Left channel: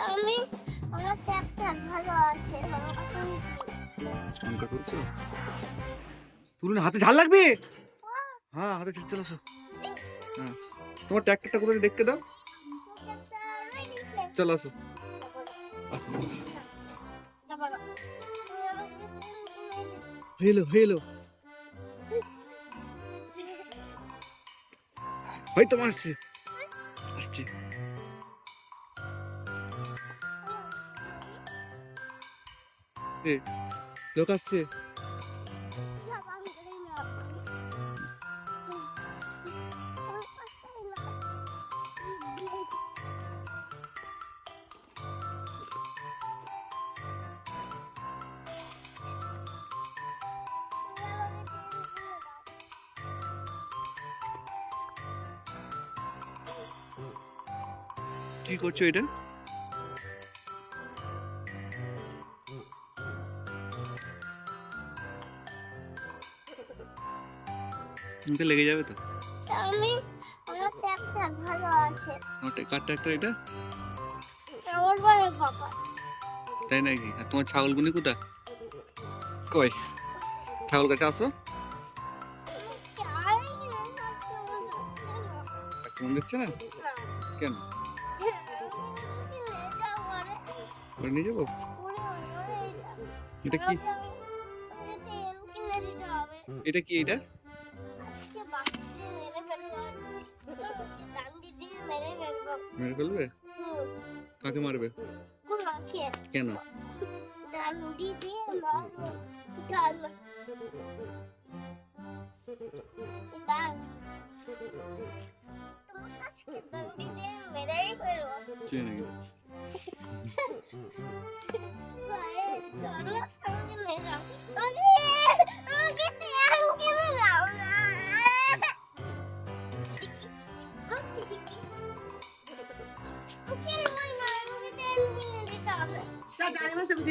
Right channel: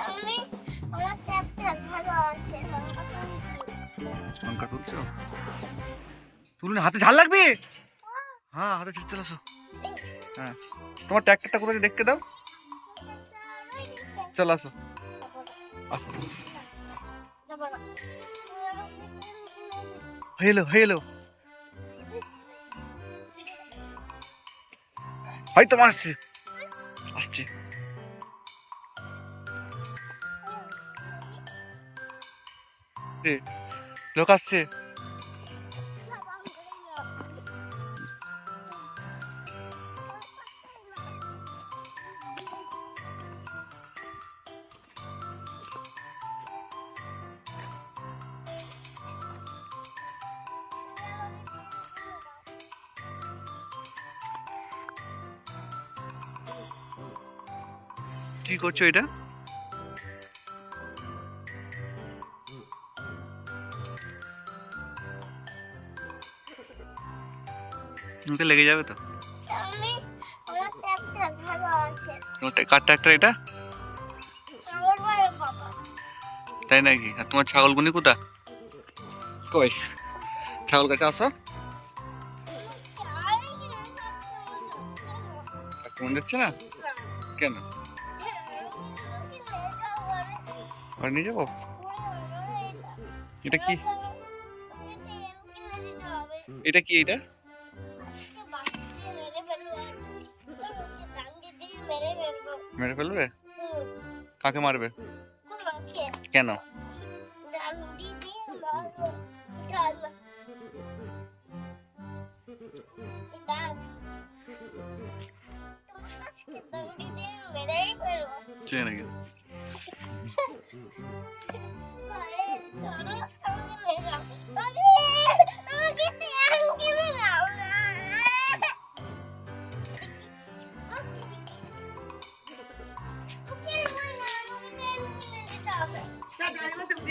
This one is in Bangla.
আমি আমার চারটা ভালো আছে লঙ্কা তুলছো? তুলুন, হাতে ঝাল লাগবে। হ্যাঁ, হাতে ঝাল। চলে আসো। হ্যাঁ, তোমার ট্র্যাক্টরটা কোথায় দেখতে দাও। চলো আসো। আসো। হয়ে এলো। হয়তো আসছে। লোক আসছে। কি করছো এটা? মুখে লেগে যাবে তো। আমি আমার চারটা ভালো আছে কার ট্র্যাক্টর এটা? আমার বড় বাবা তাই নাকি? আর তোমার ছাগলগুনি কোথা? কই? ছাগল কাছে আসো। মনে যাচ্ছে না কেন? ঘরে নিয়ে যাবো? এটা কি? এটা কি? এটা মেরে ফেলবে? কাকে মারবে? কেন? কে নাকি? Okay.